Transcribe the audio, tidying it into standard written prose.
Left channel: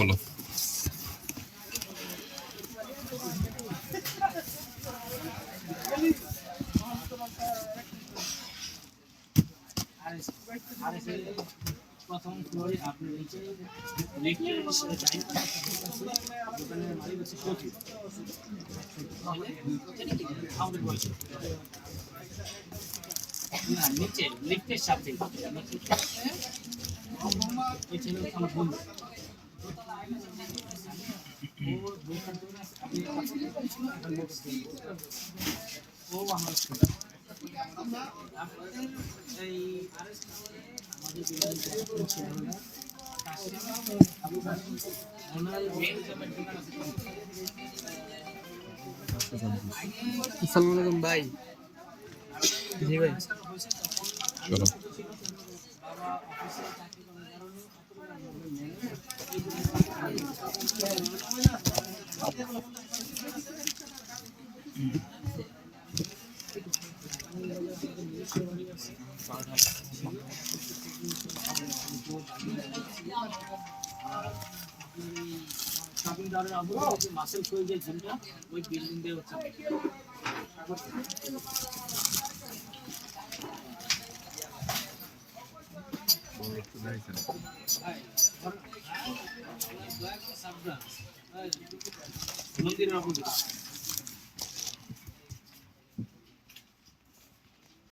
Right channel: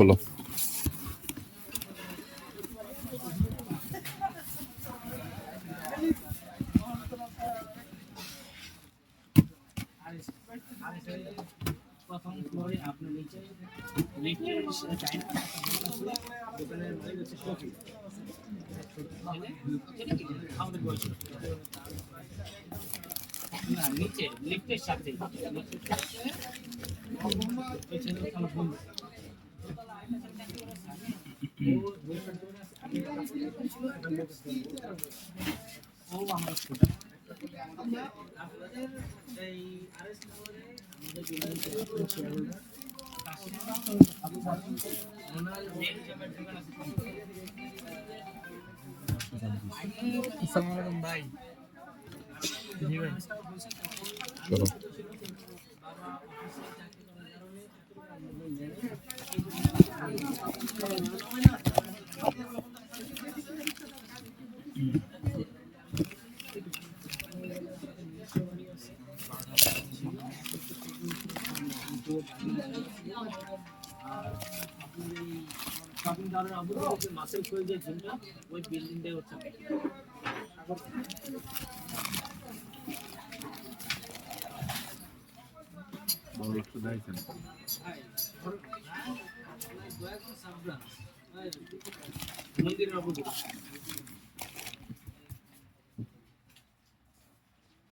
খোলো। প্রথম ফ্লোরে আপনি নিচে লিফটের ডাইন পাশে দোকানের মালিক হচ্ছে সচিব আমাদের বলছে না নিচে লিফটের সাথে ওই ছেলে আমার বন্ধু ও আমার এই আরএস আমাদের বিল্ডিং ছিল আসসালামু আলাইকুম ভাই। জি ভাই। চলো। মাসেল খুলে যে জিমটা ওই বিল্ডিং দিয়ে হচ্ছে মন্দিরের অপোজিট